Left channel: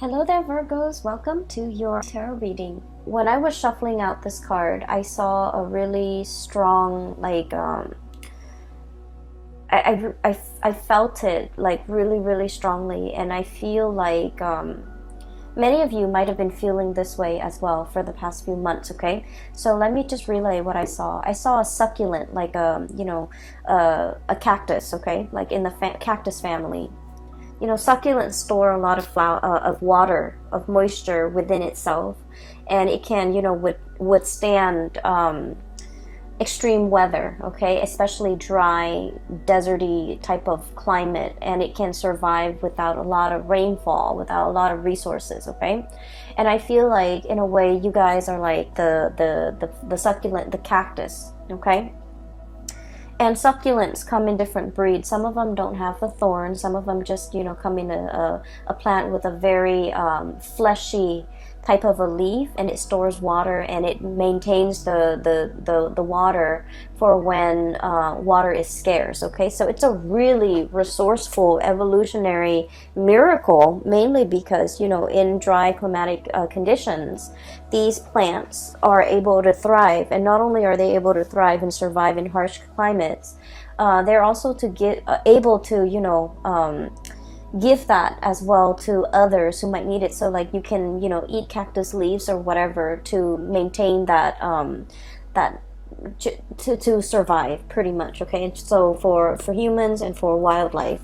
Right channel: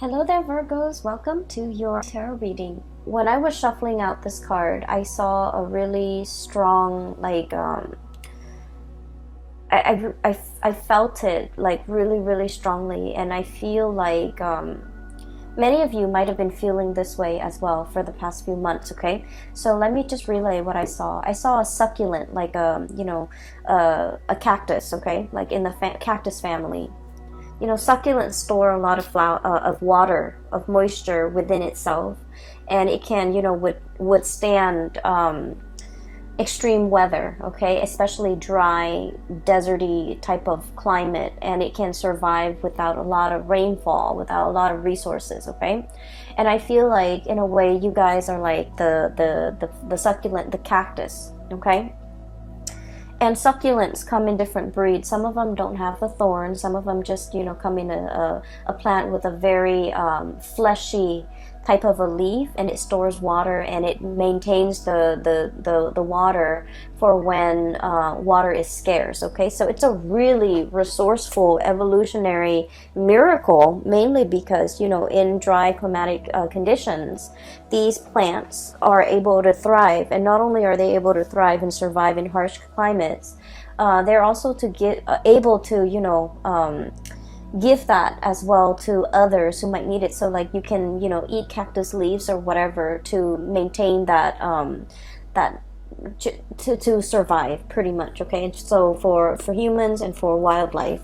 Hello there, Virgos. Welcome to your tarot reading. When I was shuffling out this card, I saw a really strong, I felt it like really strongly, and I feel like many of you might have been feeling this way as well for the past few months. Okay, so let me just relay what I saw. I saw a succulent, like a cactus. Okay, like in the cactus family. You know, succulents store a lot of of water, of moisture within itself, and it can, withstand extreme weather, okay, especially dry, deserty type of climate, and it can survive without a lot of rainfall, without a lot of resources, okay. And I feel like, in a way, you guys are like the succulent, the cactus, okay. And succulents come in different breeds. Some of them don't have the thorns. Some of them just, come in a plant with a very fleshy type of a leaf, and it stores water, and it maintains the water for when water is scarce. Okay, so it's a really resourceful evolutionary miracle, mainly because, in dry climatic conditions, these plants are able to thrive. And not only are they able to thrive and survive in harsh climates, they're also able to give that as well to others who might need it. So like you can eat cactus leaves or whatever to maintain that to survive, pretty much. Okay, so for humans and for wildlife.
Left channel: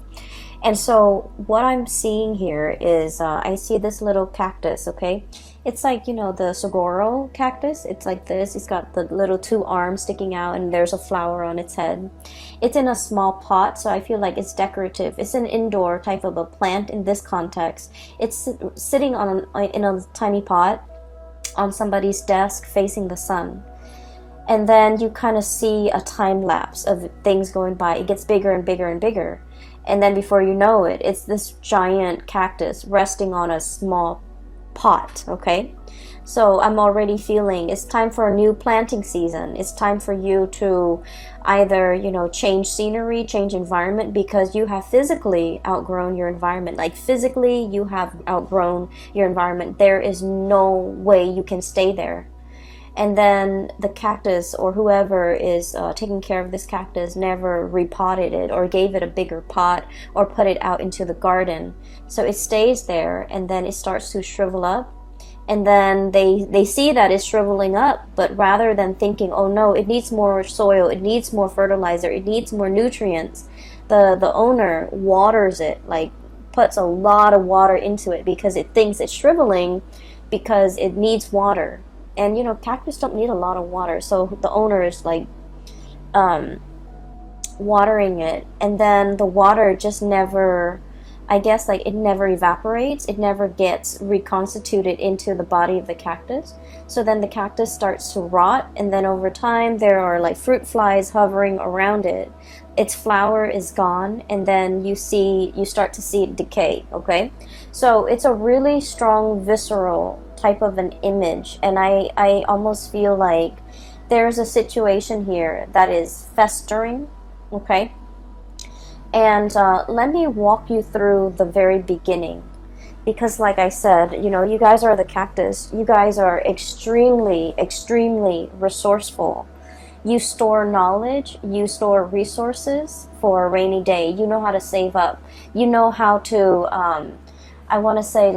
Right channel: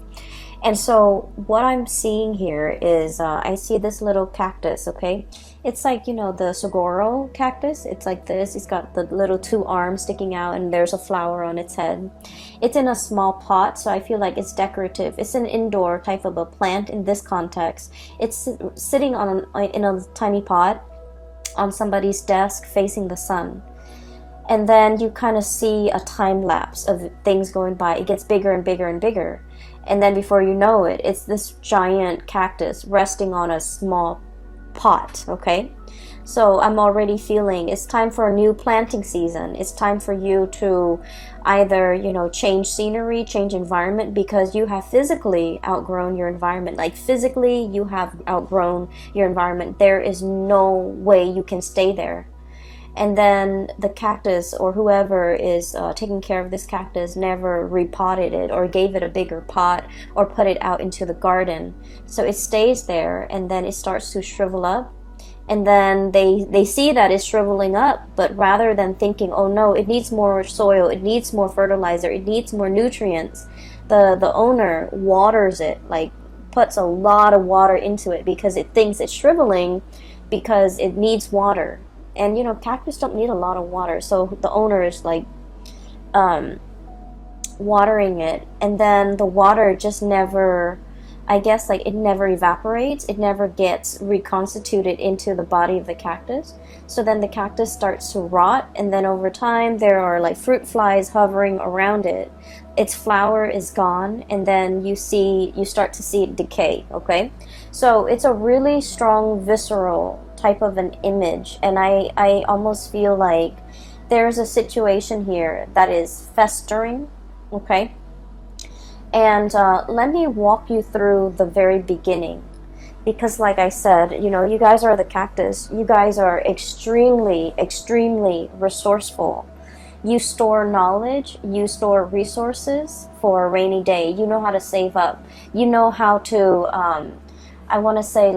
And so what I'm seeing here is I see this little cactus. Okay, it's like, the saguaro cactus. It's like this. It's got the little two arms sticking out, and there's a flower on its head. It's in a small pot, so I feel like it's decorative. It's an indoor type of a plant in this context. It's sitting in a tiny pot on somebody's desk facing the sun. And then you kind of see a time lapse of things going by. It gets bigger and bigger and bigger. And then before you know it, it's this giant cactus resting on a small pot, okay? So I'm already feeling it's time for a new planting season. It's time for you to either, change scenery, change environment, because you have physically outgrown your environment. Like physically, you have outgrown your environment. There is no way you can stay there. And then the cactus, or whoever is taking care of this cactus, never repotted it or gave it a bigger pot or put it out into the garden. So it stays there, and then it starts to shrivel up. And then they see that it's shriveling up, but rather than thinking, oh no, it needs more soil, it needs more fertilizer, it needs more nutrients, the owner waters it, like puts a lot of water into it, because it thinks it's shriveling because it needs water. And, cactus don't need a lot of water. So the owner is like watering it. And then the water just never, I guess, like it never evaporates. It never gets reconstituted into the body of the cactus. So then the cactus starts to rot. And then over time, there are like fruit flies hovering around it. Its flower is gone. And then you start to see it decay. Okay. So it's a really strong, visceral type of an image, and I almost feel like there's a situation here that is festering, okay? And let me walk you through the very beginning, because like I said, you guys are the cactus. You guys are extremely resourceful. You store knowledge, you store resources for a rainy day. You know how to save up. You know how to I want to say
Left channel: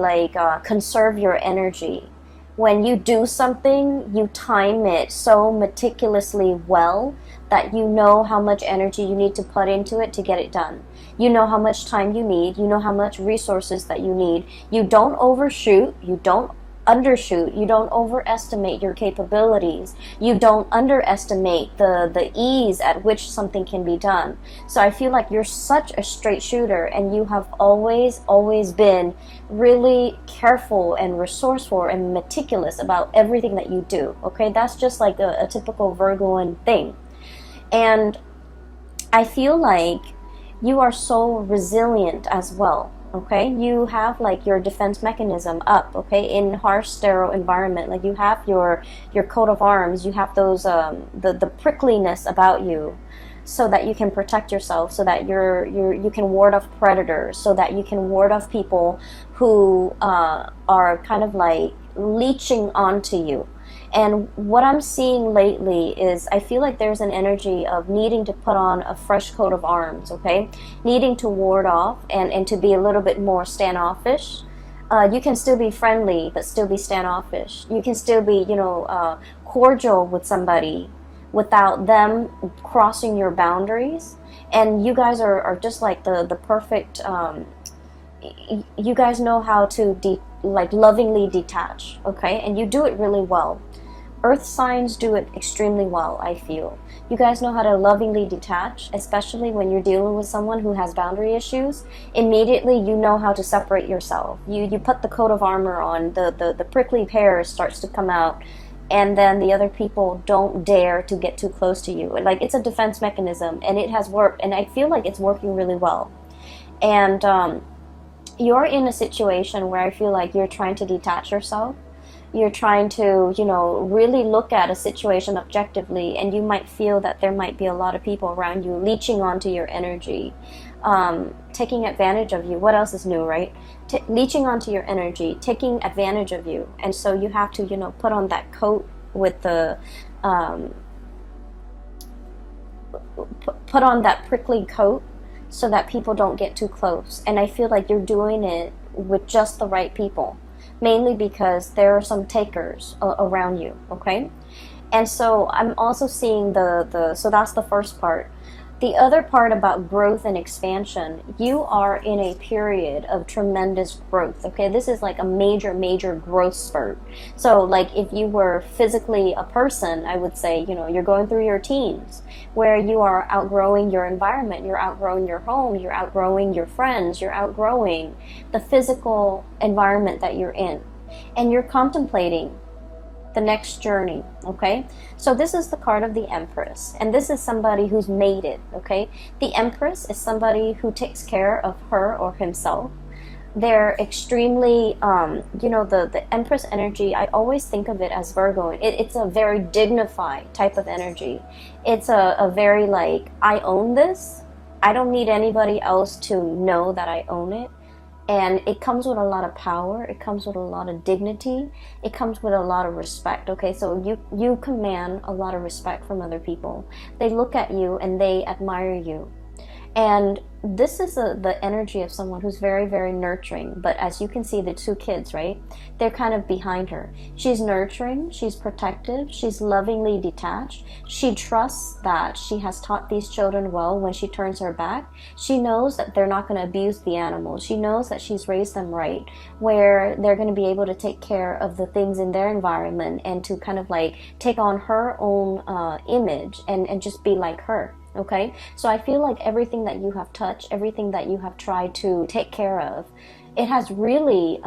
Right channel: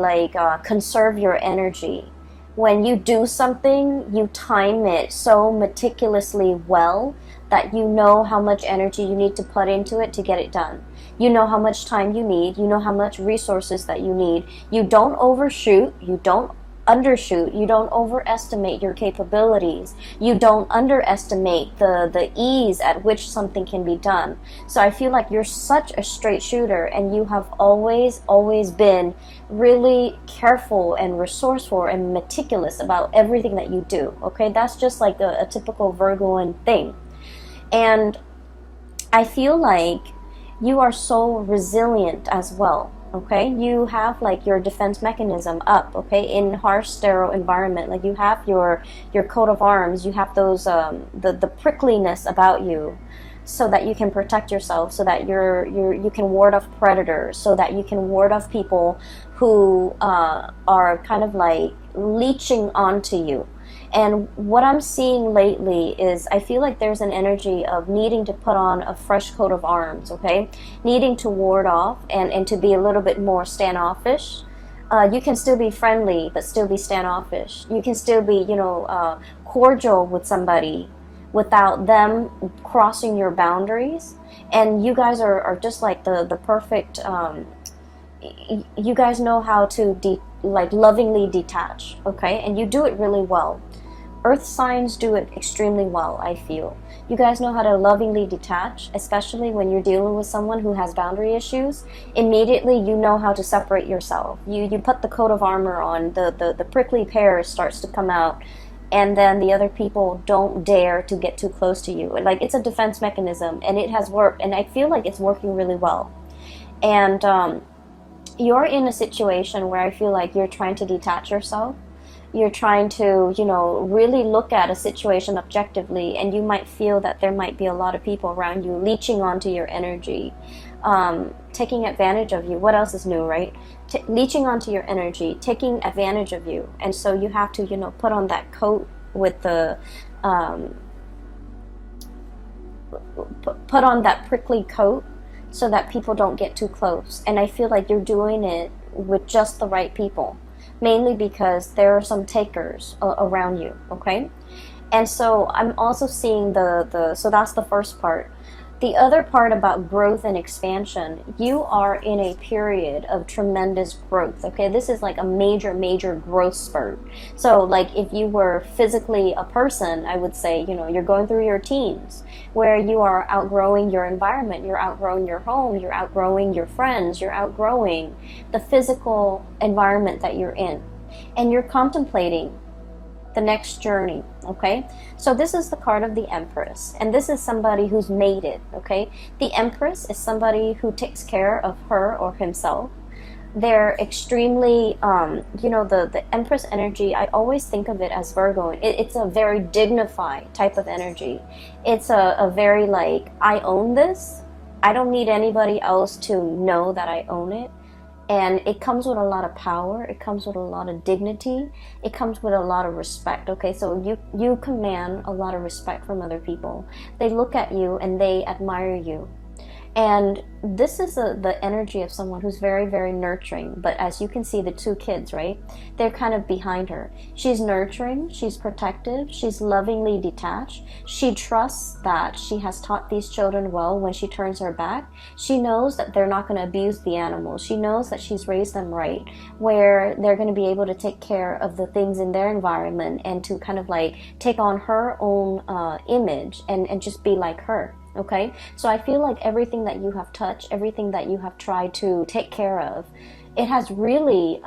conserve your energy. When you do something, you time it so meticulously well that you know how much energy you need to put into it to get it done. You know how much time you need. You know how much resources that you need. You don't overshoot. You don't undershoot. You don't overestimate your capabilities. You don't underestimate the ease at which something can be done. So I feel like you're such a straight shooter, and you have always been really careful and resourceful and meticulous about everything that you do. Okay, that's just like a typical Virgoan thing. And I feel like you are so resilient as well. Okay, you have like your defense mechanism up, okay, in harsh, sterile environment. Like you have your coat of arms, you have those the prickliness about you. so that you can protect yourself, so that you can ward off predators, so that you can ward off people who are kind of like leeching onto you. And what I'm seeing lately is I feel like there's an energy of needing to put on a fresh coat of arms, okay? Needing to ward off and to be a little bit more standoffish. You can still be friendly, but still be standoffish. You can still be, cordial with somebody without them crossing your boundaries. And you guys are just like the perfect, you guys know how to lovingly detach, okay? And you do it really well. Earth signs do it extremely well, I feel. You guys know how to lovingly detach, especially when you're dealing with someone who has boundary issues. Immediately, you know how to separate yourself. You put the coat of armor on, the prickly pear starts to come out, and then the other people don't dare to get too close to you. Like, it's a defense mechanism, and it has worked, and I feel like it's working really well. And you're in a situation where I feel like you're trying to detach yourself. You're trying to, really look at a situation objectively, and you might feel that there might be a lot of people around you leeching onto your energy, taking advantage of you. What else is new, right? Leeching onto your energy, taking advantage of you. And so you have to, put on that coat with the, put on that prickly coat so that people don't get too close. And I feel like you're doing it with just the right people. Mainly because there are some takers around you, okay? And so I'm also seeing so that's the first part. The other part about growth and expansion, you are in a period of tremendous growth, okay? This is like a major, major growth spurt. So like if you were physically a person, I would say, you're going through your teens where you are outgrowing your environment, you're outgrowing your home, you're outgrowing your friends, you're outgrowing the physical environment that you're in. And you're contemplating the next journey, okay? So this is the card of the Empress, and this is somebody who's made it, okay? The Empress is somebody who takes care of her or himself. They're extremely, the Empress energy, I always think of it as Virgo. It's a very dignified type of energy. It's a very like, I own this. I don't need anybody else to know that I own it. And it comes with a lot of power. It comes with a lot of dignity. It comes with a lot of respect. Okay, so you command a lot of respect from other people. They look at you and they admire you. And this is the energy of someone who's very, very nurturing. But as you can see, the two kids, right? They're kind of behind her. She's nurturing, she's protective, she's lovingly detached. She trusts that she has taught these children well when she turns her back. She knows that they're not going to abuse the animals. She knows that she's raised them right, where they're going to be able to take care of the things in their environment and to kind of like take on her own image and just be like her. Okay, so I feel like everything that you have touched, everything that you have tried to take care of, it has really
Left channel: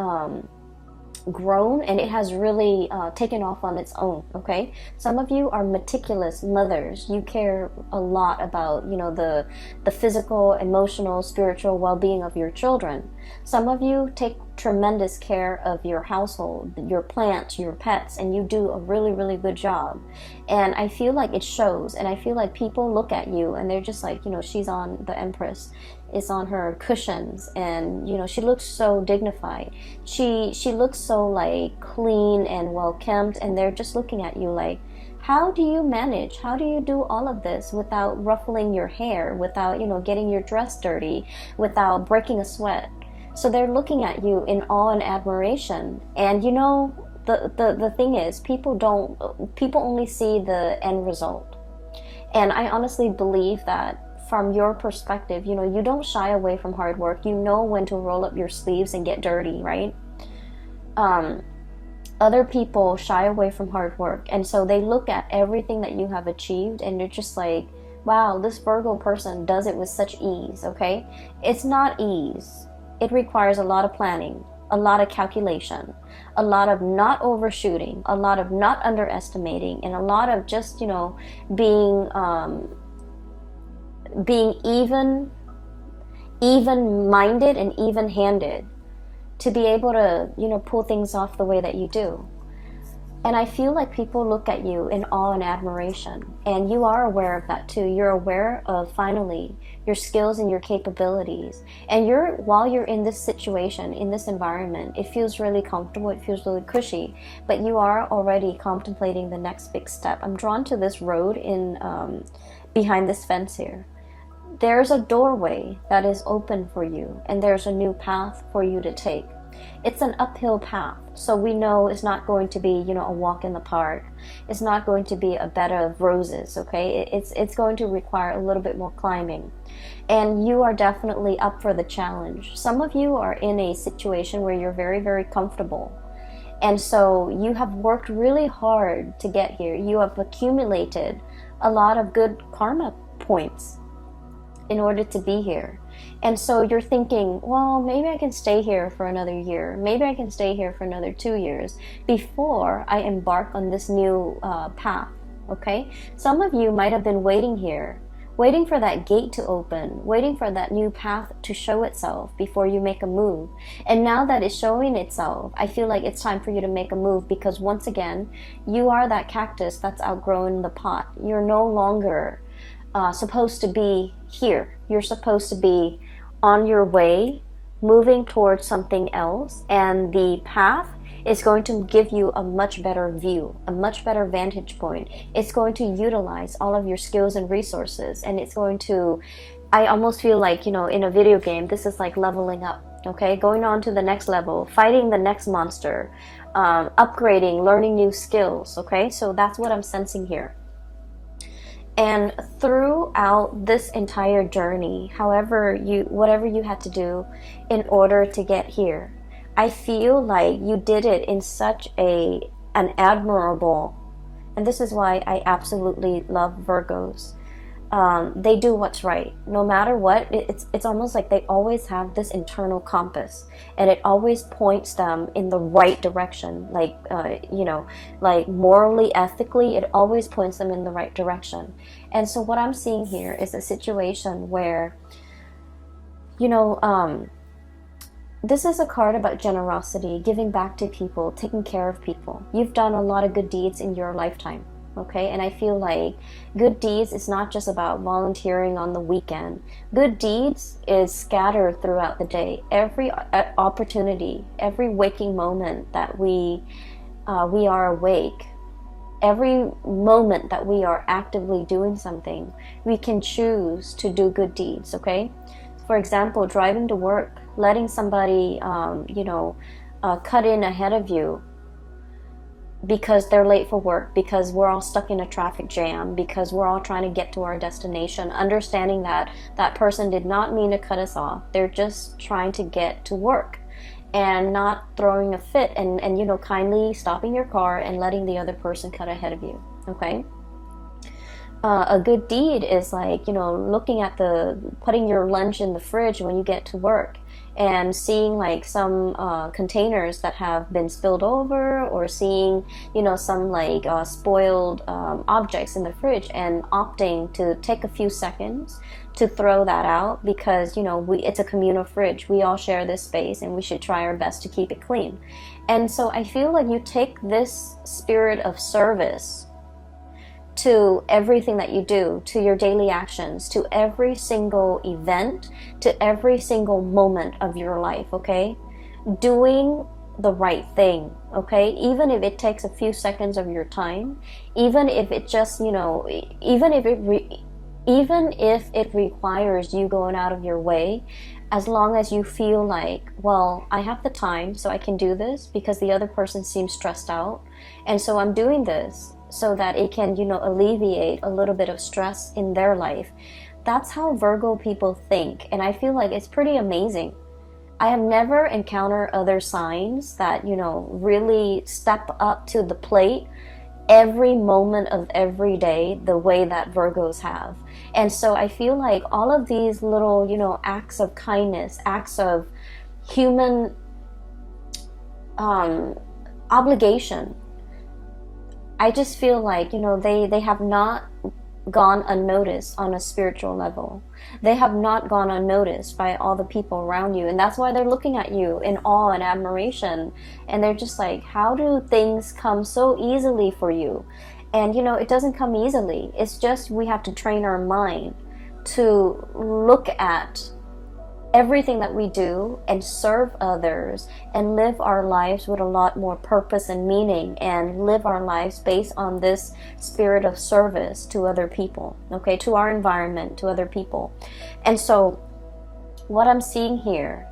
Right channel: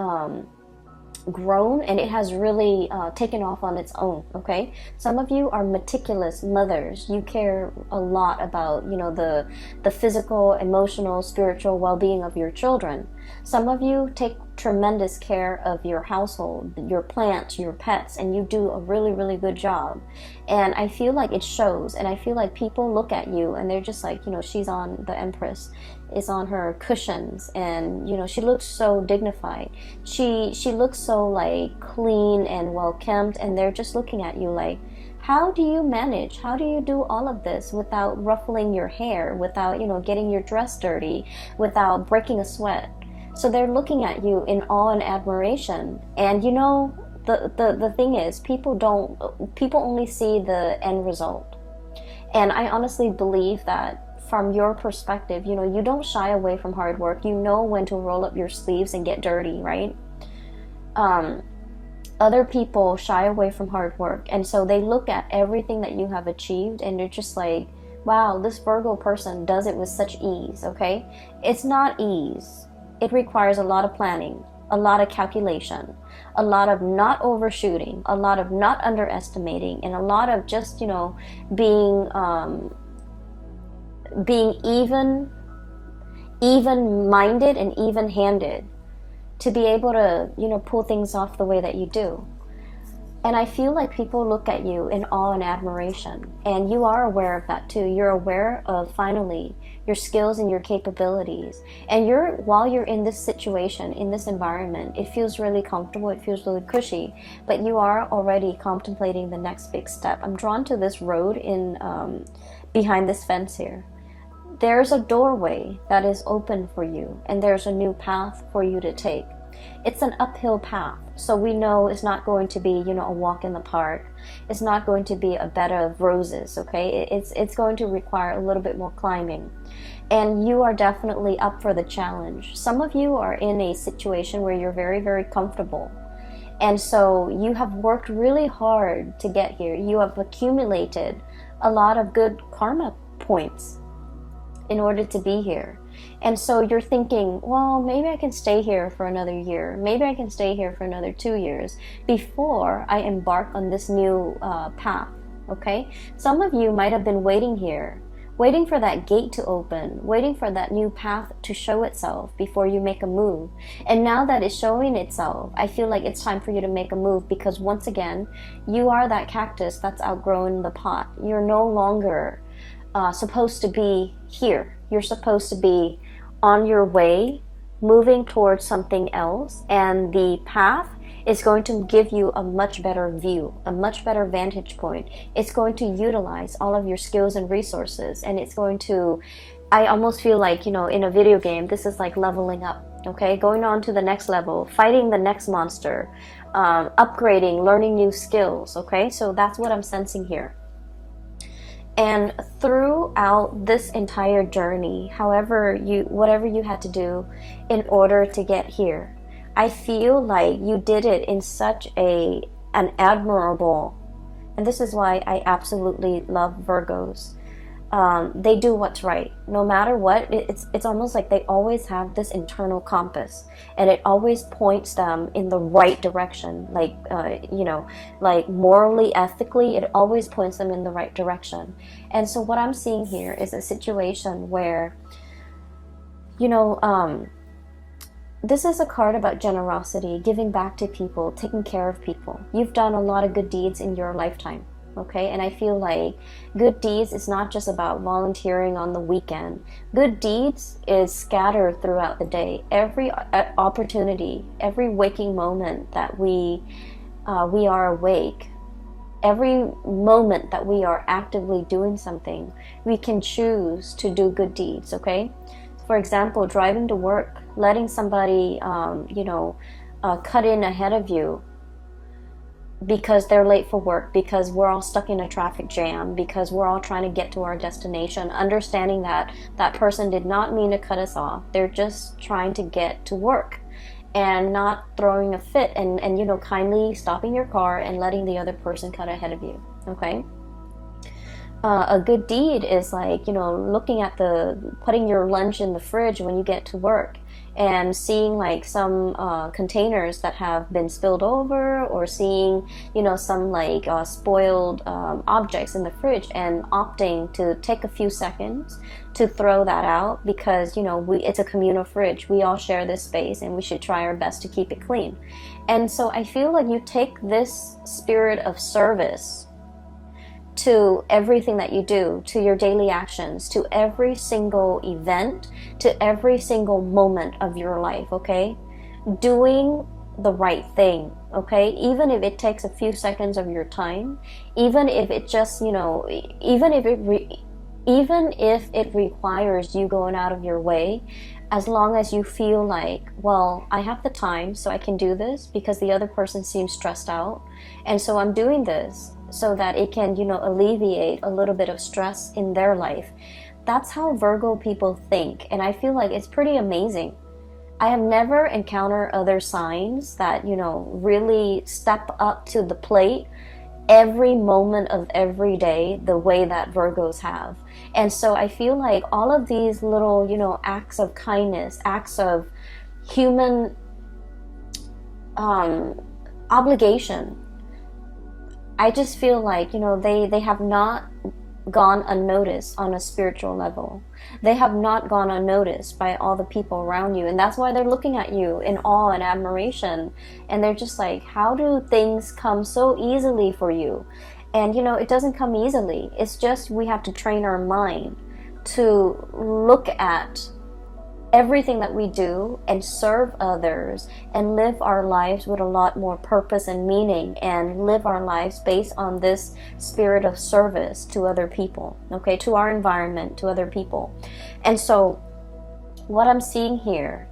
grown and it has really taken off on its own. Okay, some of you are meticulous mothers. You care a lot about the physical, emotional, spiritual well-being of your children. Some of you take tremendous care of your household, your plants, your pets, and you do a really, really good job. And I feel like it shows, and I feel like people look at you and they're just like, she's on, the Empress is on her cushions, and she looks so dignified. She looks so like clean and well kempt, and they're just looking at you like, how do you manage? How do you do all of this without ruffling your hair, without getting your dress dirty, without breaking a sweat? So they're looking at you in awe and admiration. And the thing is, people only see the end result. And I honestly believe that from your perspective, you don't shy away from hard work. You know when to roll up your sleeves and get dirty, right? Other people shy away from hard work, and so they look at everything that you have achieved and they're just like, wow, this Virgo person does it with such ease. Okay, it's not ease. It requires a lot of planning, a lot of calculation, a lot of not overshooting, a lot of not underestimating, and a lot of just, being even-minded and even-handed to be able to, pull things off the way that you do. And I feel like people look at you in awe and admiration, and you are aware of that too. You're aware of finally your skills and your capabilities. And while you're in this situation, in this environment, it feels really comfortable, it feels really cushy, but you are already contemplating the next big step. I'm drawn to this road in behind this fence here. There's a doorway that is open for you, and there's a new path for you to take. It's an uphill path, so we know it's not going to be, a walk in the park. It's not going to be a bed of roses, okay? It's going to require a little bit more climbing. And you are definitely up for the challenge. Some of you are in a situation where you're very, very comfortable. And so you have worked really hard to get here. You have accumulated a lot of good karma points in order to be here. And so you're thinking, well, maybe I can stay here for another year. Maybe I can stay here for another 2 years before I embark on this new path, okay? Some of you might have been waiting here, waiting for that gate to open, waiting for that new path to show itself before you make a move. And now that it's showing itself, I feel like it's time for you to make a move, because once again, you are that cactus that's outgrown the pot. You're no longer supposed to be here. You're supposed to be on your way, moving towards something else, and the path is going to give you a much better view, a much better vantage point. It's going to utilize all of your skills and resources, and it's going to, I almost feel like, in a video game, this is like leveling up, okay? Going on to the next level, fighting the next monster, upgrading, learning new skills, okay? So that's what I'm sensing here. And throughout this entire journey, whatever you had to do in order to get here, I feel like you did it in such an admirable, and this is why I absolutely love Virgos. They do what's right. No matter what, it's almost like they always have this internal compass, and it always points them in the right direction. Like, like morally, ethically, it always points them in the right direction. And so what I'm seeing here is a situation where, this is a card about generosity, giving back to people, taking care of people. You've done a lot of good deeds in your lifetime. Okay, and I feel like good deeds is not just about volunteering on the weekend. Good deeds is scattered throughout the day. Every opportunity, every waking moment that we are awake, every moment that we are actively doing something, we can choose to do good deeds. Okay, for example, driving to work, letting somebody cut in ahead of you because they're late for work, because we're all stuck in a traffic jam, because we're all trying to get to our destination, understanding that that person did not mean to cut us off. They're just trying to get to work, and not throwing a fit, and kindly stopping your car and letting the other person cut ahead of you. Okay, a good deed is like, looking at putting your lunch in the fridge when you get to work, and seeing like some containers that have been spilled over, or seeing some like spoiled objects in the fridge, and opting to take a few seconds to throw that out, because it's a communal fridge. We all share this space, and we should try our best to keep it clean. And so I feel like you take this spirit of service to everything that you do, to your daily actions, to every single event, to every single moment of your life, okay? Doing the right thing, okay? Even if it takes a few seconds of your time, even if it just, even if it requires you going out of your way, as long as you feel like, well, I have the time, so I can do this because the other person seems stressed out, and so I'm doing this so that it can, alleviate a little bit of stress in their life. That's how Virgo people think, and I feel like it's pretty amazing. I have never encountered other signs that, really step up to the plate every moment of every day the way that Virgos have. And so I feel like all of these little, acts of kindness, acts of human obligation, I just feel like, they have not gone unnoticed on a spiritual level. They have not gone unnoticed by all the people around you, and that's why they're looking at you in awe and admiration, and they're just like, how do things come so easily for you? And you know, it doesn't come easily. It's just we have to train our mind to look at everything that we do and serve others and live our lives with a lot more purpose and meaning, and live our lives based on this spirit of service to other people, okay, to our environment, to other people. And so what I'm seeing here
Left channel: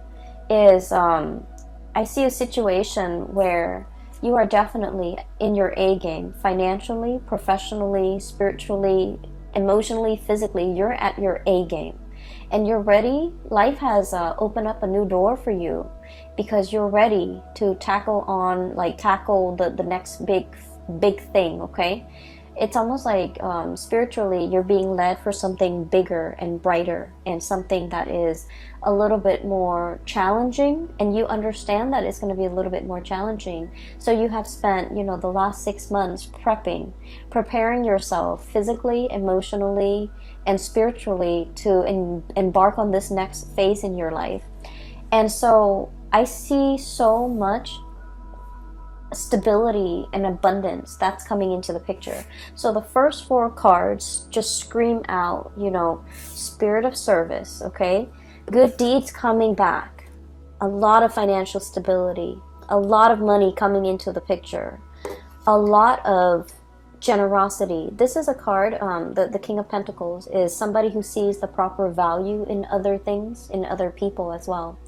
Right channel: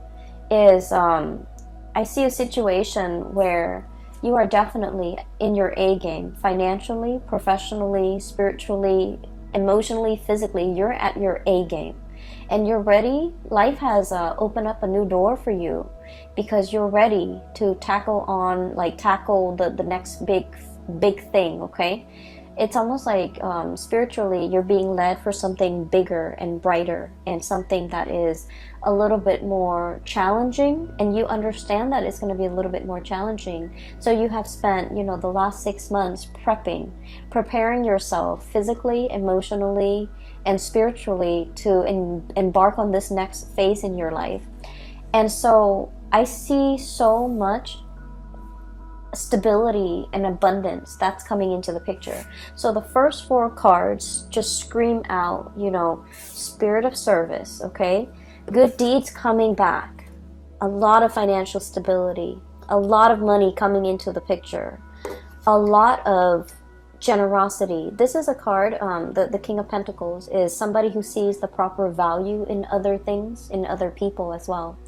is I see a situation where you are definitely in your A game, financially, professionally, spiritually, emotionally, physically. You're at your A game. And you're ready. Life has opened up a new door for you because you're ready to tackle the next big thing, okay? It's almost like spiritually you're being led for something bigger and brighter, and something that is a little bit more challenging, and you understand that it's going to be a little bit more challenging. So you have spent, you know, the last 6 months preparing yourself physically, emotionally, and spiritually to embark on this next phase in your life. And so I see so much stability and abundance that's coming into the picture. So the first 4 cards just scream out, you know, spirit of service, okay? Good deeds coming back, a lot of financial stability, a lot of money coming into the picture, a lot of generosity. This is a card, the King of Pentacles is somebody who sees the proper value in other things, in other people as well.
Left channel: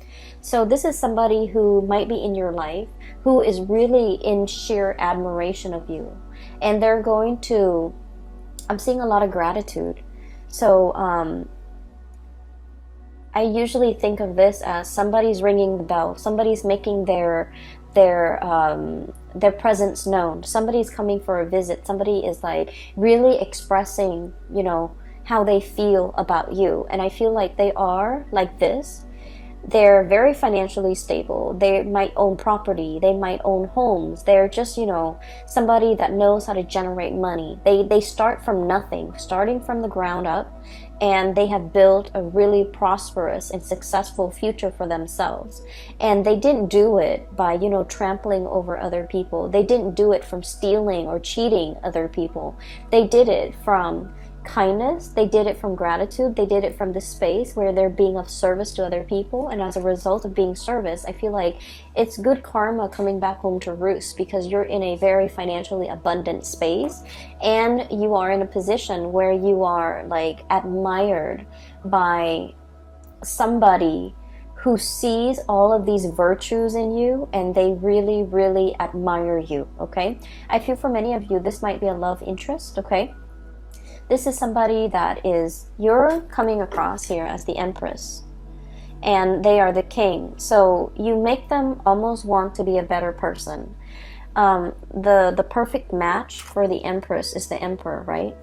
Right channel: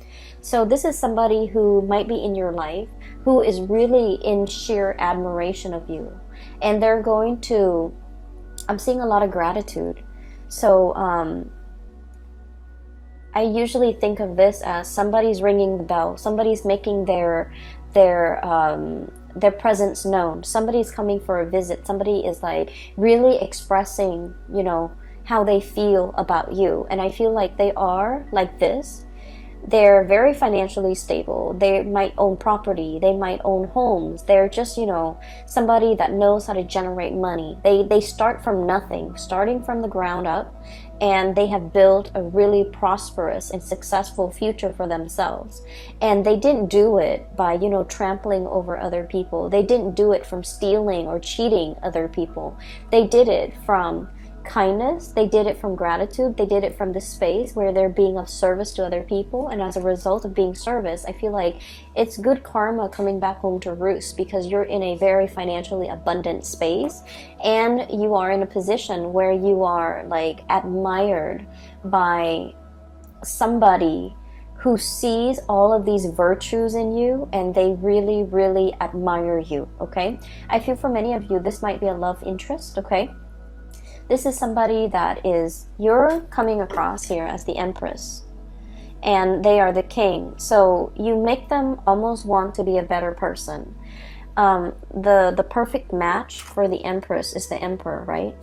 So this is somebody who might be in your life who is really in sheer admiration of you, and they're going to, I'm seeing a lot of gratitude. So I usually think of this as somebody's ringing the bell, somebody's making their presence known, somebody's coming for a visit, somebody is like really expressing, you know, how they feel about you. And I feel like they are like this. They're very financially stable. They might own property. They might own homes. They're just, you know, somebody that knows how to generate money. They start from nothing, starting from the ground up, and they have built a really prosperous and successful future for themselves. And they didn't do it by, you know, trampling over other people. They didn't do it from stealing or cheating other people. They did it from kindness. They did it from gratitude. They did it from the space where they're being of service to other people. And as a result of being service, I feel like it's good karma coming back home to roost, because you're in a very financially abundant space, and you are in a position where you are like admired by somebody who sees all of these virtues in you, and they really, really admire you, okay? I feel for many of you, this might be a love interest, okay? This is somebody that is, you're coming across here as the Empress, and they are the king. So you make them almost want to be a better person. The perfect match for the Empress is the Emperor, right?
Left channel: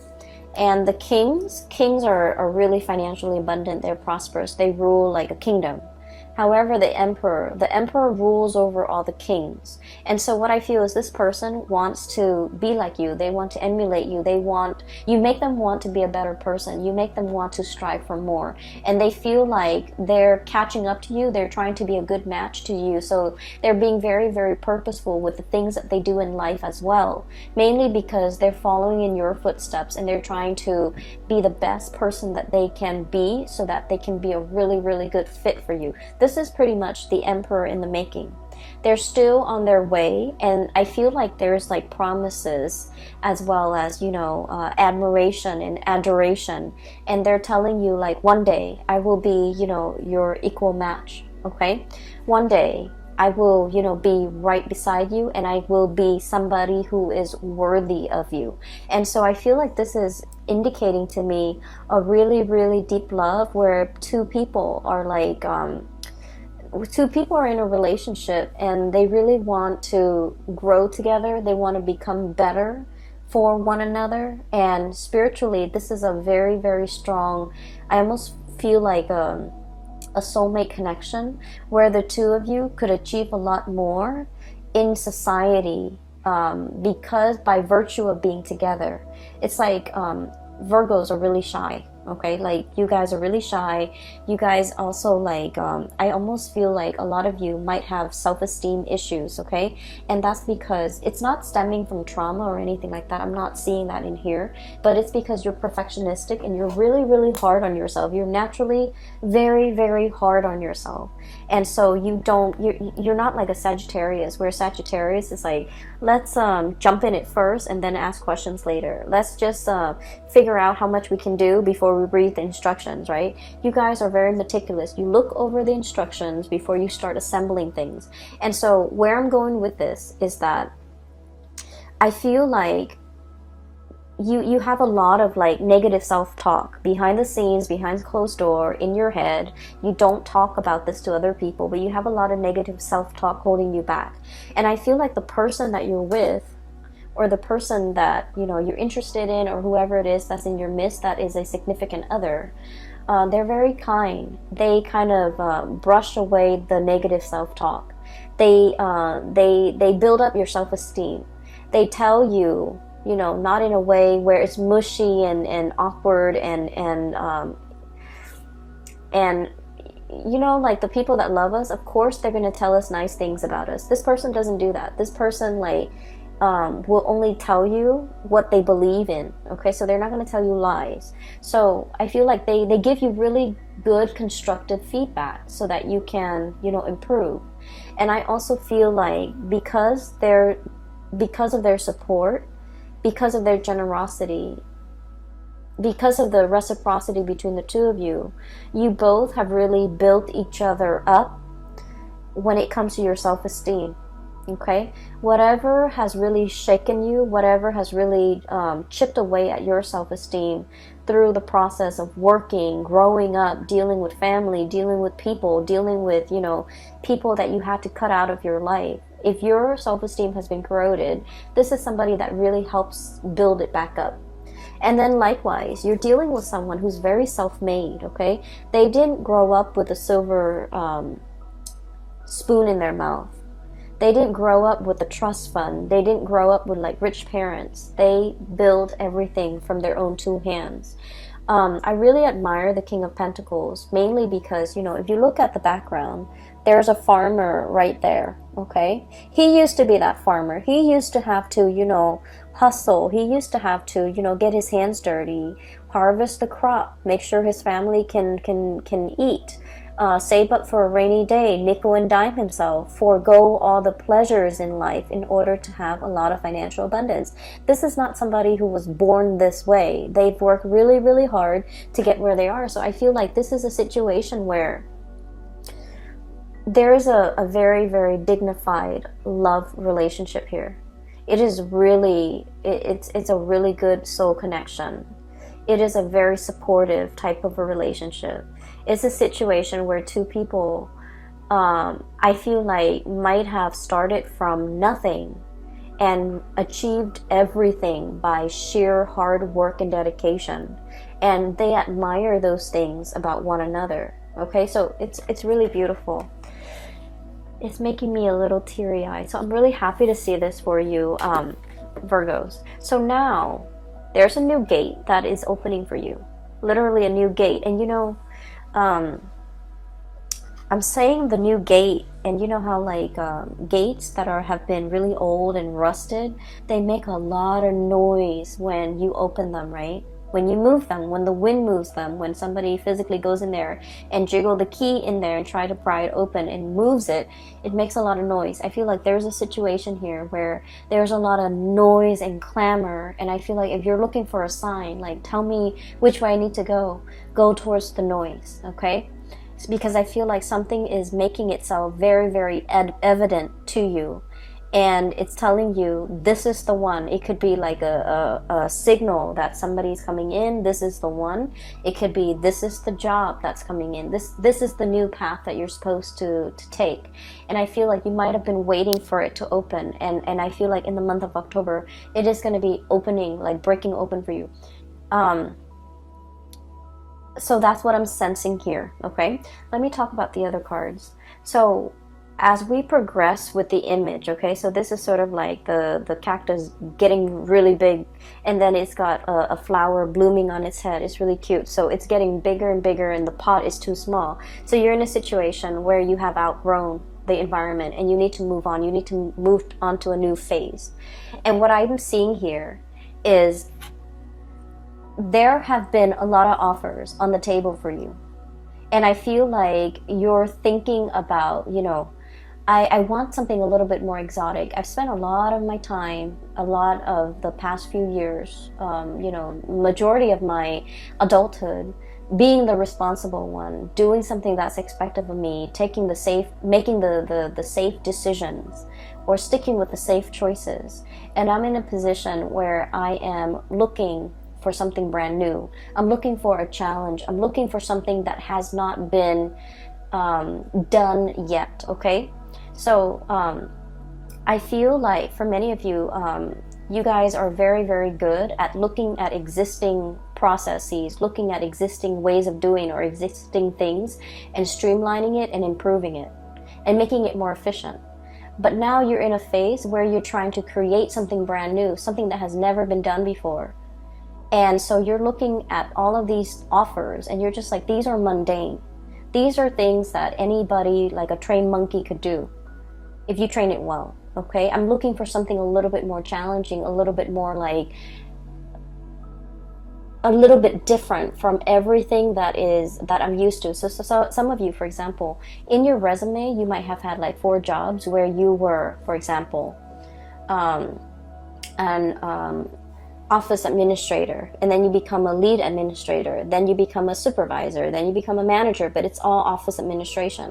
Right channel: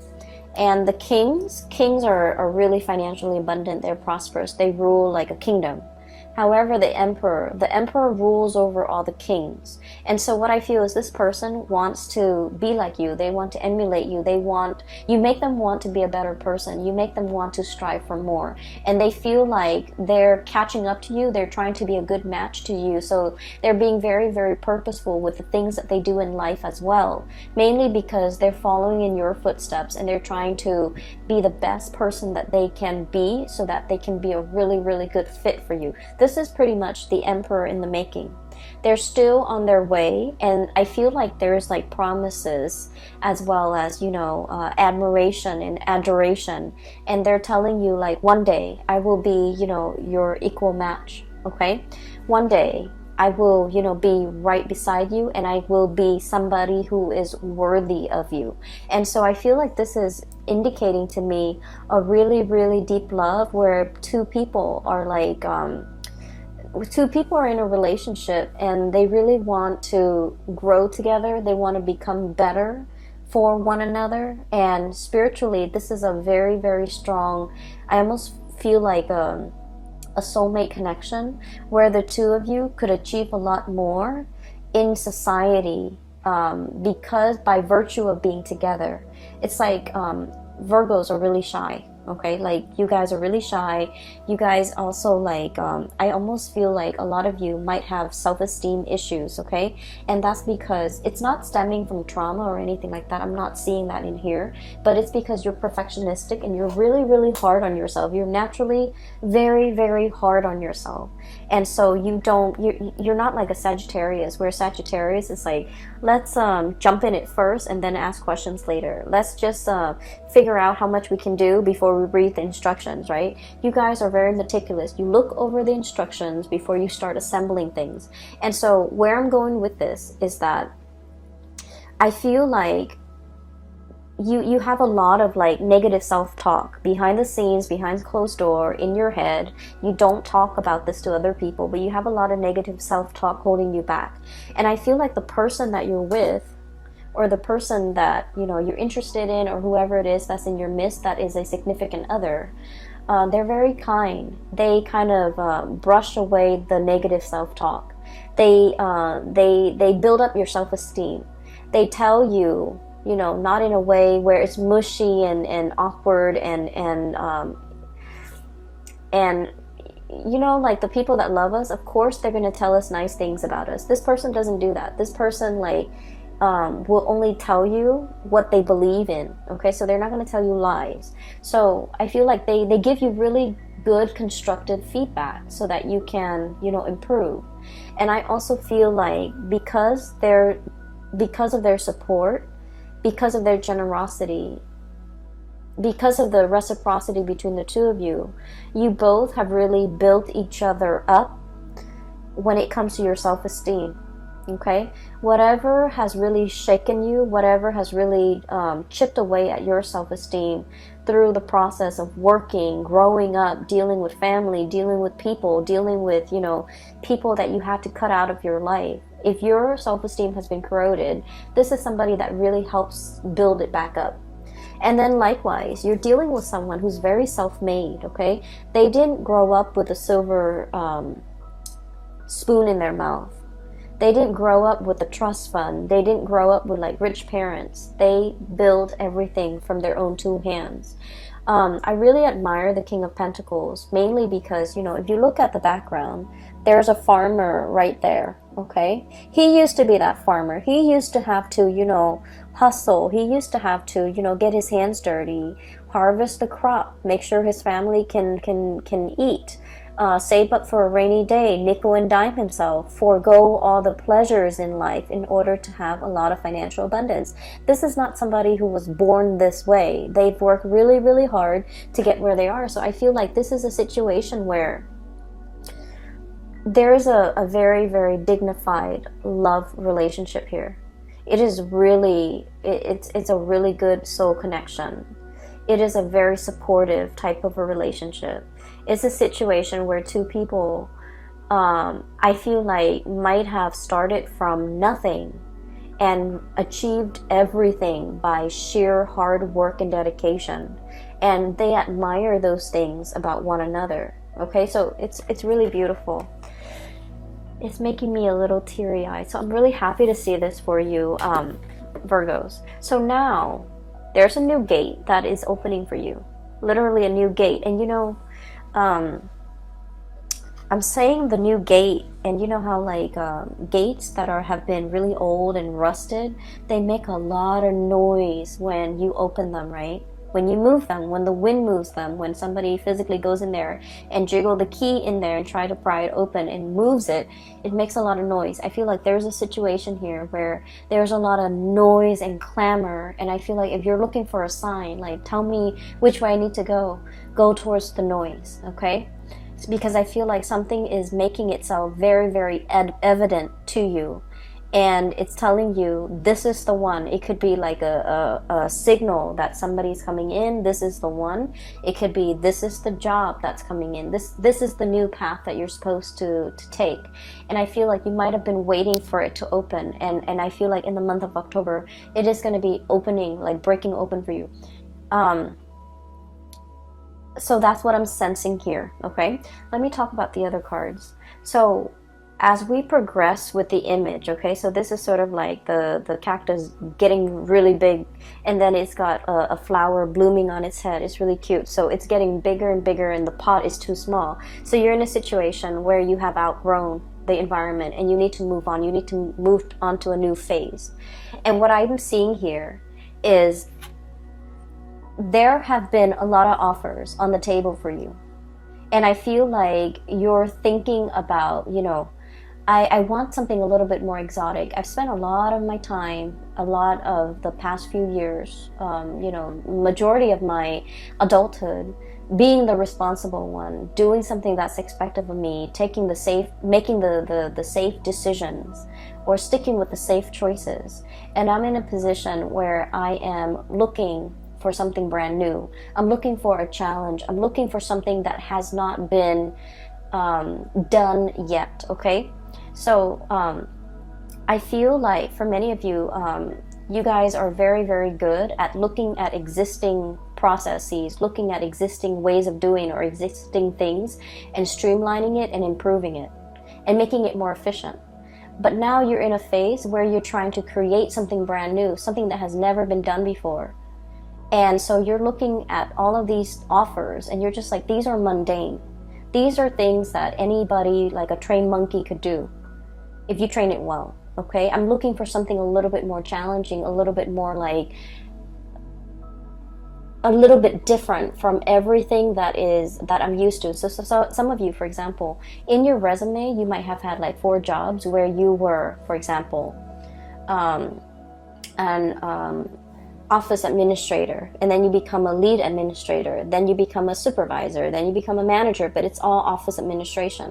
And the kings are really financially abundant. They're prosperous. They rule like a kingdom. However, the emperor rules over all the kings. And so what I feel is this person wants to be like you. They want to emulate you. You make them want to be a better person. You make them want to strive for more. And they feel like they're catching up to you. They're trying to be a good match to you. So they're being very, very purposeful with the things that they do in life as well. Mainly because they're following in your footsteps, and they're trying to be the best person that they can be, so that they can be a really, really good fit for you. This is pretty much the Emperor in the making. They're still on their way, and I feel like there's like promises as well as, you know, admiration and adoration, and they're telling you like, one day I will be, you know, your equal match, okay? One day I will, you know, be right beside you, and I will be somebody who is worthy of you. And so I feel like this is indicating to me a really, really deep love where two people are like, two people are in a relationship, and they really want to grow together. They want to become better for one another. And spiritually, this is a very, very strong, I almost feel like a soulmate connection, where the two of you could achieve a lot more in society, because by virtue of being together. It's like Virgos are really shy. Okay, like you guys are really shy. You guys also like I almost feel like a lot of you might have self-esteem issues. Okay, and that's because it's not stemming from trauma or anything like that. I'm not seeing that in here, but it's because you're perfectionistic and you're really, really hard on yourself. You're naturally very, very hard on yourself, and so you're not like a Sagittarius, where Sagittarius is like, let's jump in it first and then ask questions later. Let's just figure out how much we can do before we read the instructions, right? You guys are very meticulous. You look over the instructions before you start assembling things. And so where I'm going with this is that I feel like you have a lot of like negative self-talk behind the scenes, behind closed door, in your head. You don't talk about this to other people, but you have a lot of negative self-talk holding you back. And I feel like the person that you're with, or the person that you're interested in, or whoever it is that's in your midst that is a significant other, they're very kind. They kind of brush away the negative self-talk. They build up your self-esteem. They tell you, not in a way where it's mushy and awkward and like the people that love us, of course they're going to tell us nice things about us. This person doesn't do that. This person will only tell you what they believe in. Okay, so they're not going to tell you lies. So I feel like they give you really good constructive feedback so that you can improve. And I also feel like because of their support, because of their generosity, because of the reciprocity between the two of you, you both have really built each other up when it comes to your self-esteem. Okay, whatever has really shaken you, whatever has really chipped away at your self-esteem through the process of working, growing up, dealing with family, dealing with people, dealing with people that you had to cut out of your life. If your self-esteem has been corroded, this is somebody that really helps build it back up. And then likewise, you're dealing with someone who's very self-made. Okay, they didn't grow up with a silver spoon in their mouth. They didn't grow up with a trust fund. They didn't grow up with like rich parents. They build everything from their own two hands. I really admire the King of Pentacles, mainly because, if you look at the background, there's a farmer right there, okay? He used to be that farmer. He used to have to, hustle. He used to have to, get his hands dirty, harvest the crop, make sure his family can eat. Save up for a rainy day, nickel and dime himself, forego all the pleasures in life in order to have a lot of financial abundance. This is not somebody who was born this way. They've worked really, really hard to get where they are. So I feel like this is a situation where there is a very, very dignified love relationship here. It is really, it's a really good soul connection. It is a very supportive type of a relationship. It's a situation where two people, I feel like, might have started from nothing and achieved everything by sheer hard work and dedication. And they admire those things about one another. Okay, so it's really beautiful. It's making me a little teary-eyed. So I'm really happy to see this for you, Virgos. So now, there's a new gate that is opening for you. Literally a new gate. And I'm saying the new gate, and you know how like gates that have been really old and rusted, they make a lot of noise when you open them, right? When you move them, when the wind moves them, when somebody physically goes in there and jiggle the key in there and try to pry it open and moves it, it makes a lot of noise. I feel like there's a situation here where there's a lot of noise and clamor, and I feel like if you're looking for a sign, like tell me which way I need to go towards the noise, okay? It's because I feel like something is making itself very, very evident to you. And it's telling you, this is the one. It could be like a signal that somebody's coming in. This is the one. It could be, this is the job that's coming in. This is the new path that you're supposed to take. And I feel like you might have been waiting for it to open. And I feel like in the month of October, it is going to be opening, like breaking open for you. So that's what I'm sensing here, okay? Let me talk about the other cards. So as we progress with the image, okay, so this is sort of like the cactus getting really big, and then it's got a flower blooming on its head. It's really cute. So it's getting bigger and bigger, and the pot is too small. So you're in a situation where you have outgrown the environment and you need to move on. You need to move on to a new phase. And what I'm seeing here is there have been a lot of offers on the table for you. And I feel like you're thinking about, you know, I want something a little bit more exotic. I've spent a lot of my time, a lot of the past few years, you know, majority of my adulthood, being the responsible one, doing something that's expected of me, making the safe decisions, or sticking with the safe choices. And I'm in a position where I am looking for something brand new. I'm looking for a challenge. I'm looking for something that has not been done yet, okay? So I feel like for many of you, you guys are very, very good at looking at existing processes, looking at existing ways of doing or existing things, and streamlining it and improving it and making it more efficient. But now you're in a phase where you're trying to create something brand new, something that has never been done before. And so you're looking at all of these offers and you're just like, these are mundane. These are things that anybody, like a trained monkey, could do if you train it well, okay? I'm looking for something a little bit more challenging, a little bit more like, a little bit different from everything that I'm used to. So some of you, for example, in your resume, you might have had like 4 jobs where you were, for example, office administrator, and then you become a lead administrator, then you become a supervisor, then you become a manager, but it's all office administration.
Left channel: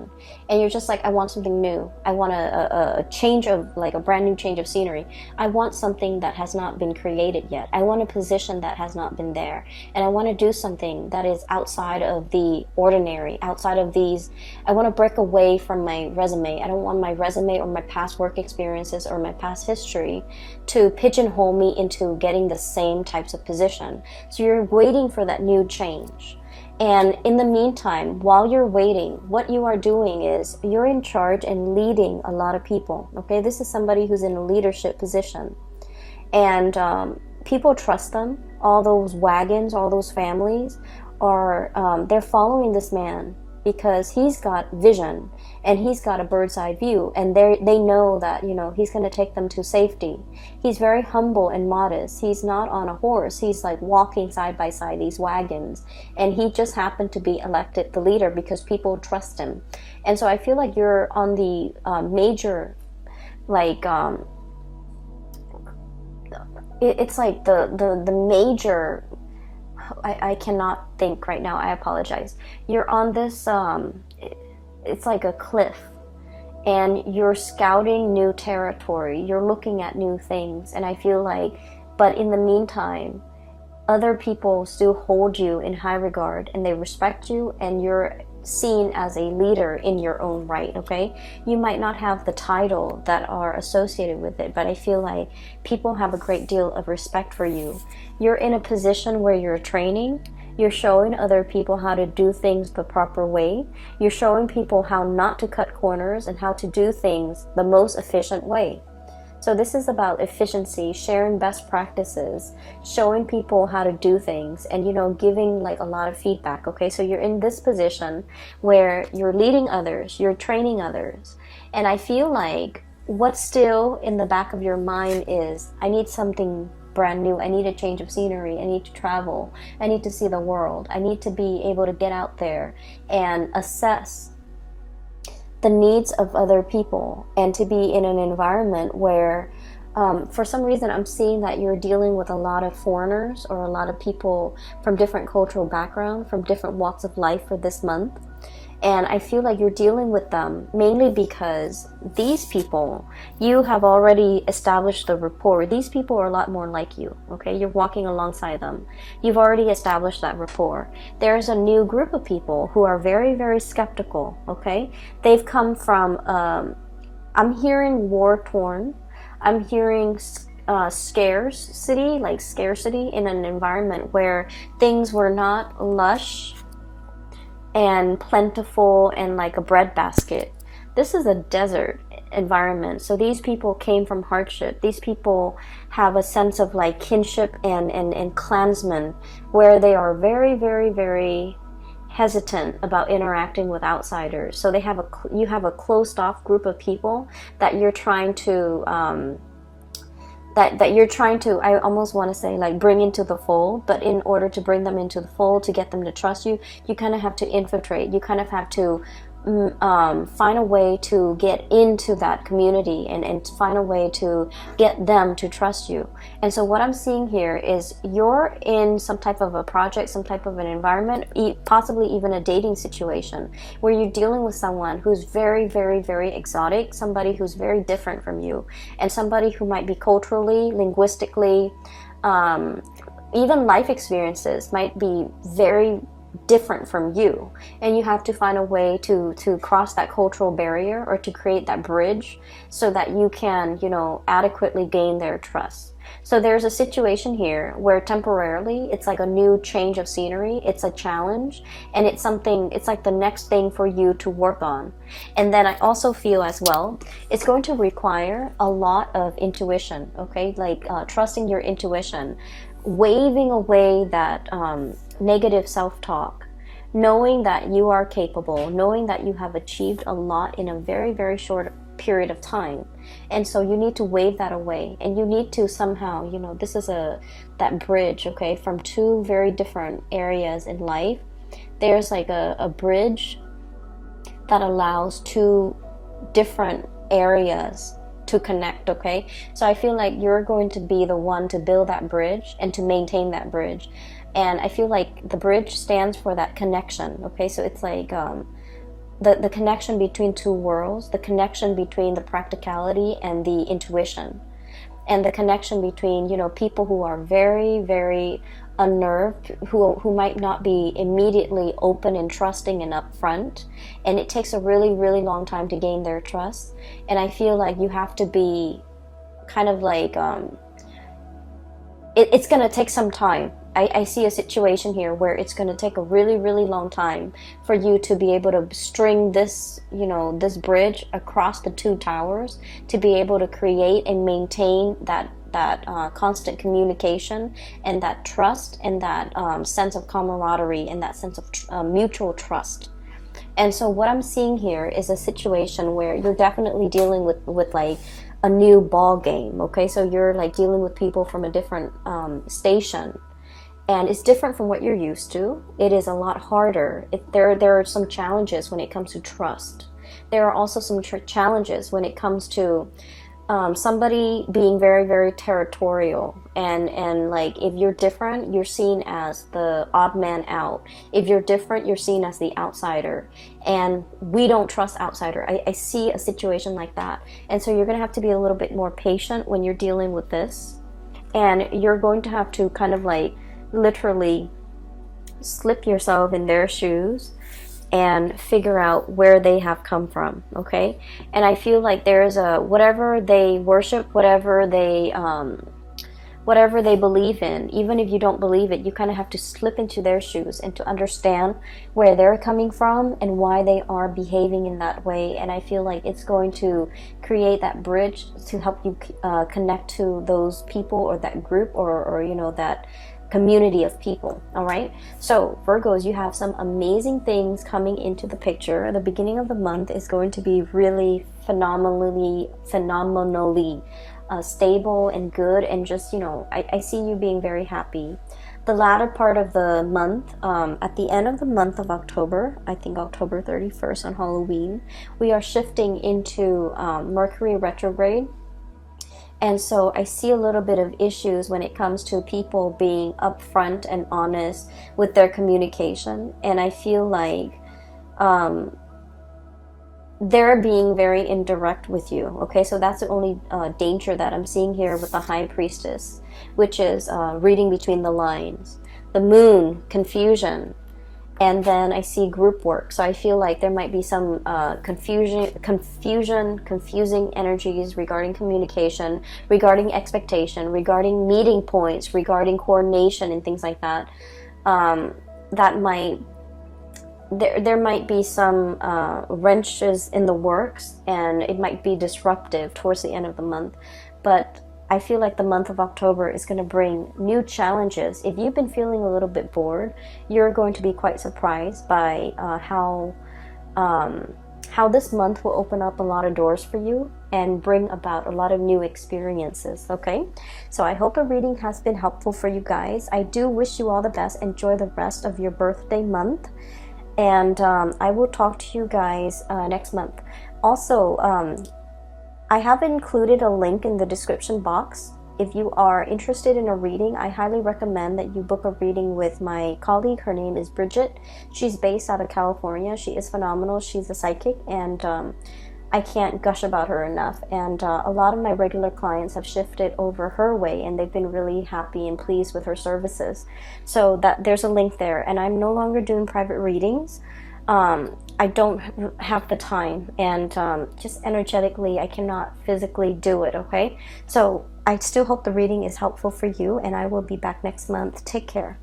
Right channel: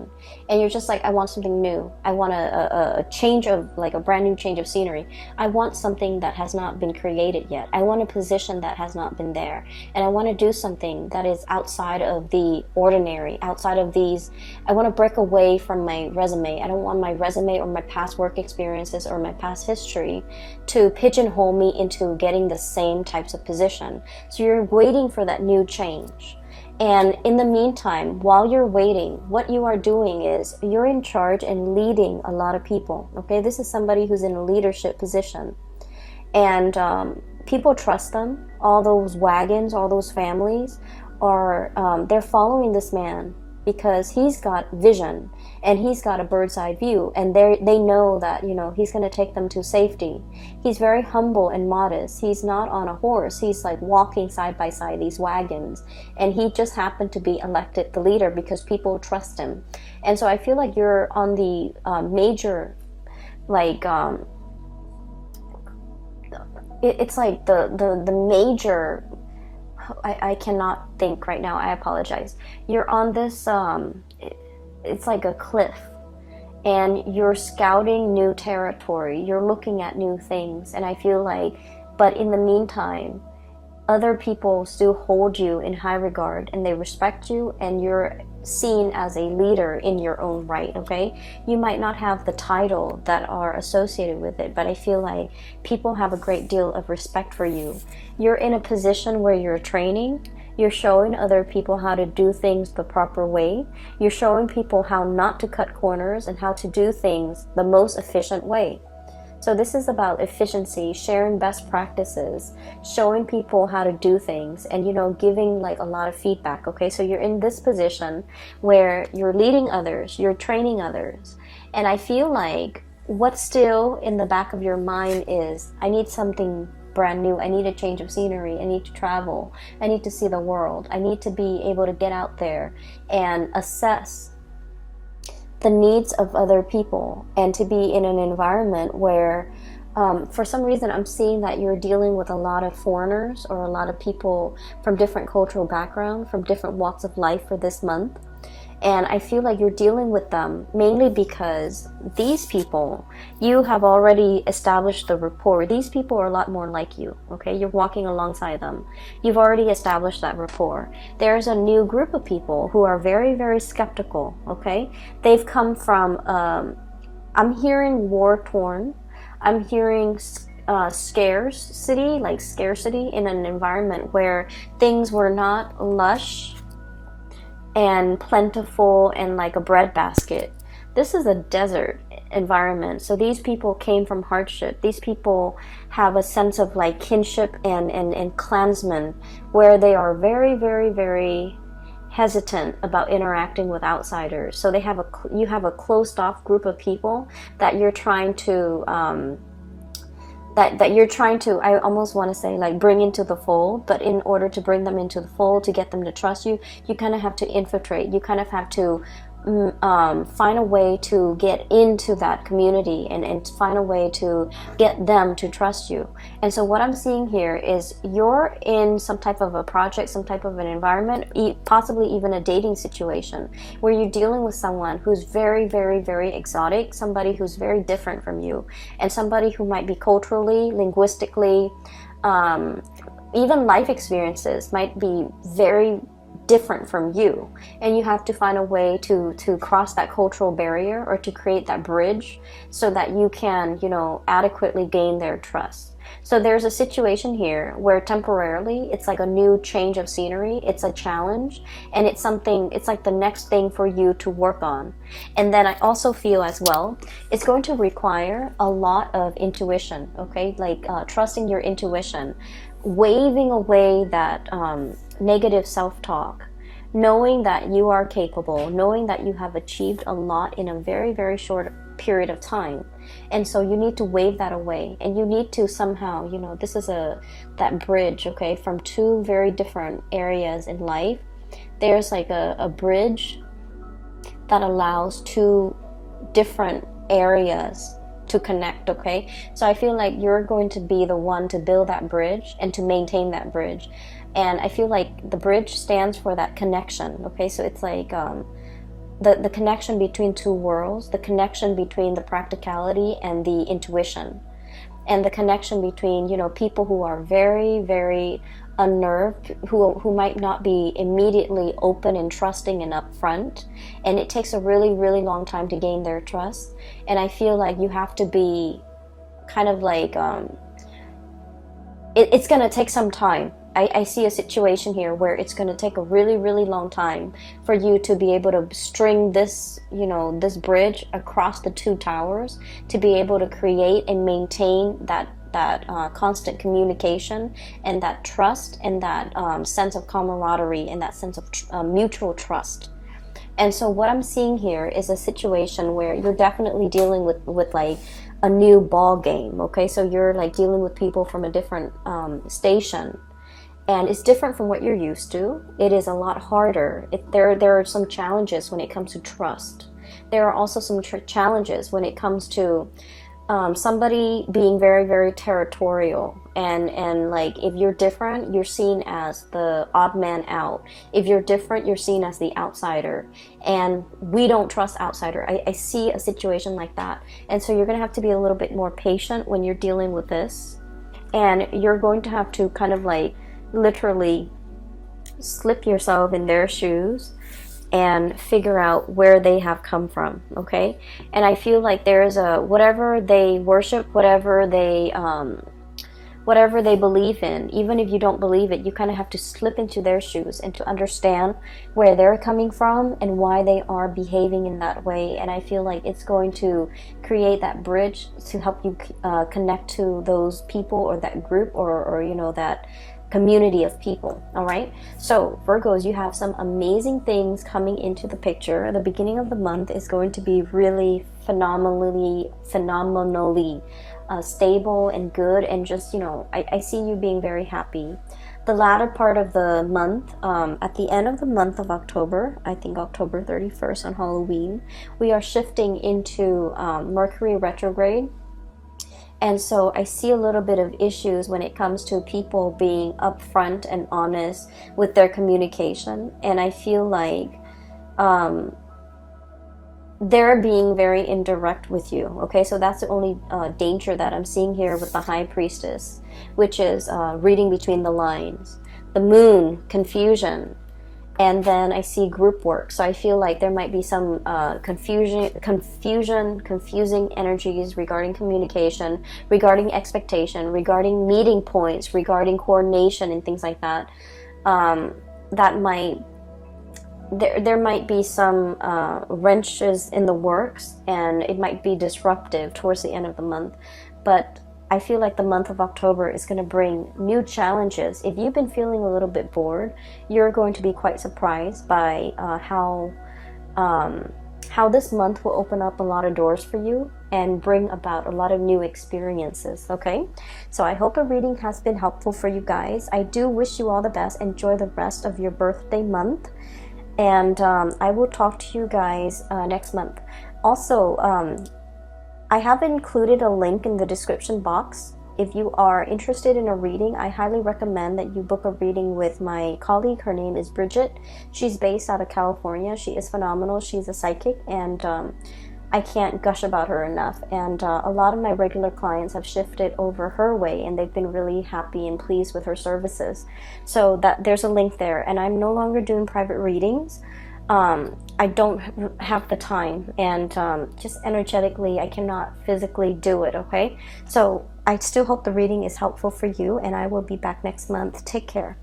And you're just like, I want something new. I want a change of, like a brand new change of scenery. I want something that has not been created yet. I want a position that has not been there. And I want to do something that is outside of the ordinary, outside of these. I want to break away from my resume. I don't want my resume or my past work experiences or my past history to pigeonhole me into getting the same types of position. So you're waiting for that new change. And in the meantime, while you're waiting, what you are doing is you're in charge and leading a lot of people. Okay, this is somebody who's in a leadership position. And people trust them. All those wagons, all those families are, they're following this man because he's got vision and he's got a bird's eye view, and they know that, you know, he's going to take them to safety. He's very humble and modest. He's not on a horse. He's like walking side by side these wagons, and he just happened to be elected the leader because people trust him. And so I feel like you're on the major, like it's like the major, I cannot think right now, I apologize. You're on this, it's like a cliff, and you're scouting new territory, you're looking at new things, and I feel like, but in the meantime, other people still hold you in high regard, and they respect you, and you're seen as a leader in your own right, okay? You might not have the title that are associated with it, but I feel like people have a great deal of respect for you. You're in a position where you're training, you're showing other people how to do things the proper way, you're showing people how not to cut corners and how to do things the most efficient way. So this is about efficiency, sharing best practices, showing people how to do things, and, you know, giving like a lot of feedback, okay? So you're in this position where you're leading others, you're training others, and I feel like what's still in the back of your mind is, I need something brand new, I need a change of scenery, I need to travel, I need to see the world, I need to be able to get out there and assess the needs of other people, and to be in an environment where for some reason I'm seeing that you're dealing with a lot of foreigners or a lot of people from different cultural backgrounds, from different walks of life for this month. And I feel like you're dealing with them mainly because these people, you have already established the rapport. These people are a lot more like you, okay? You're walking alongside them. You've already established that rapport. There's a new group of people who are very, very skeptical, okay? They've come from, I'm hearing war-torn. I'm hearing scarcity, like scarcity in an environment where things were not lush and plentiful and like a breadbasket. this is a desert environment. So these people came from hardship. These people have a sense of like kinship and clansmen, where they are very, very, very hesitant about interacting with outsiders. So you have a closed off group of people that you're trying to that you're trying to, I almost want to say, like, bring into the fold. But in order to bring them into the fold, to get them to trust you, you kind of have to infiltrate. You kind of have to find a way to get into that community and find a way to get them to trust you. And so what I'm seeing here is you're in some type of a project, some type of an environment, possibly even a dating situation, where you're dealing with someone who's very, very, very exotic, somebody who's very different from you, and somebody who might be culturally, linguistically, even life experiences might be very different from you, and you have to find a way to cross that cultural barrier, or to create that bridge, so that you can, you know, adequately gain their trust. So there's a situation here where temporarily it's like a new change of scenery, it's a challenge, and it's something, it's like the next thing for you to work on. And then I also feel as well, it's going to require a lot of intuition, okay, like trusting your intuition, waving away that negative self-talk, knowing that you are capable, knowing that you have achieved a lot in a very, very short period of time. And so you need to wave that away, and you need to somehow, you know, this is that bridge, okay, from two very different areas in life. There's like a bridge that allows two different areas to connect, okay? So I feel like you're going to be the one to build that bridge and to maintain that bridge. And I feel like the bridge stands for that connection, okay? So it's like the connection between two worlds, the connection between the practicality and the intuition, and the connection between, you know, people who are very, very unnerved, who might not be immediately open and trusting and upfront, and it takes a really, really long time to gain their trust. And I feel like you have to be kind of like it's gonna take some time. I see a situation here where it's gonna take a really, really long time for you to be able to string this, you know, this bridge across the two towers, to be able to create and maintain that constant communication, and that trust, and that sense of camaraderie, and that sense of mutual trust. And so what I'm seeing here is a situation where you're definitely dealing with like a new ball game, okay? So you're like dealing with people from a different station, and it's different from what you're used to. It is a lot harder. There are some challenges when it comes to trust. There are also some challenges when it comes to somebody being very, very territorial, and like, if you're different, you're seen as the odd man out. If you're different, you're seen as the outsider, and we don't trust outsider. I see a situation like that, and so you're gonna have to be a little bit more patient when you're dealing with this, and you're going to have to kind of like literally slip yourself in their shoes and figure out where they have come from, okay? And I feel like there's whatever they worship, whatever they believe in, even if you don't believe it, you kind of have to slip into their shoes and to understand where they're coming from and why they are behaving in that way. And I feel like it's going to create that bridge to help you connect to those people, or that group, or you know, that community of people. All right, so Virgos, you have some amazing things coming into the picture. The beginning of the month is going to be really phenomenally stable and good, and just, you know, I see you being very happy. The latter part of the month, at the end of the month of October, I think October 31st on Halloween, we are shifting into Mercury retrograde. And so I see a little bit of issues when it comes to people being upfront and honest with their communication. And I feel like they're being very indirect with you. Okay, so that's the only danger that I'm seeing here with the High Priestess, which is reading between the lines. The Moon, confusion. And then I see group work. So I feel like there might be some confusing energies regarding communication, regarding expectation, regarding meeting points, regarding coordination and things like that. That might there might be some wrenches in the works, and it might be disruptive towards the end of the month, but I feel like the month of October is going to bring new challenges. If you've been feeling a little bit bored, you're going to be quite surprised by how this month will open up a lot of doors for you and bring about a lot of new experiences. Okay, so I hope a reading has been helpful for you guys. I do wish you all the best. Enjoy the rest of your birthday month, and I will talk to you guys next month. Also, I have included a link in the description box. If you are interested in a reading, I highly recommend that you book a reading with my colleague. Her name is Bridget. She's based out of California. She is phenomenal. She's a psychic, and I can't gush about her enough. And a lot of my regular clients have shifted over her way, and they've been really happy and pleased with her services. So that there's a link there. And I'm no longer doing private readings. I don't have the time, and just energetically I cannot physically do it. Okay, so I still hope the reading is helpful for you, and I will be back next month. Take care.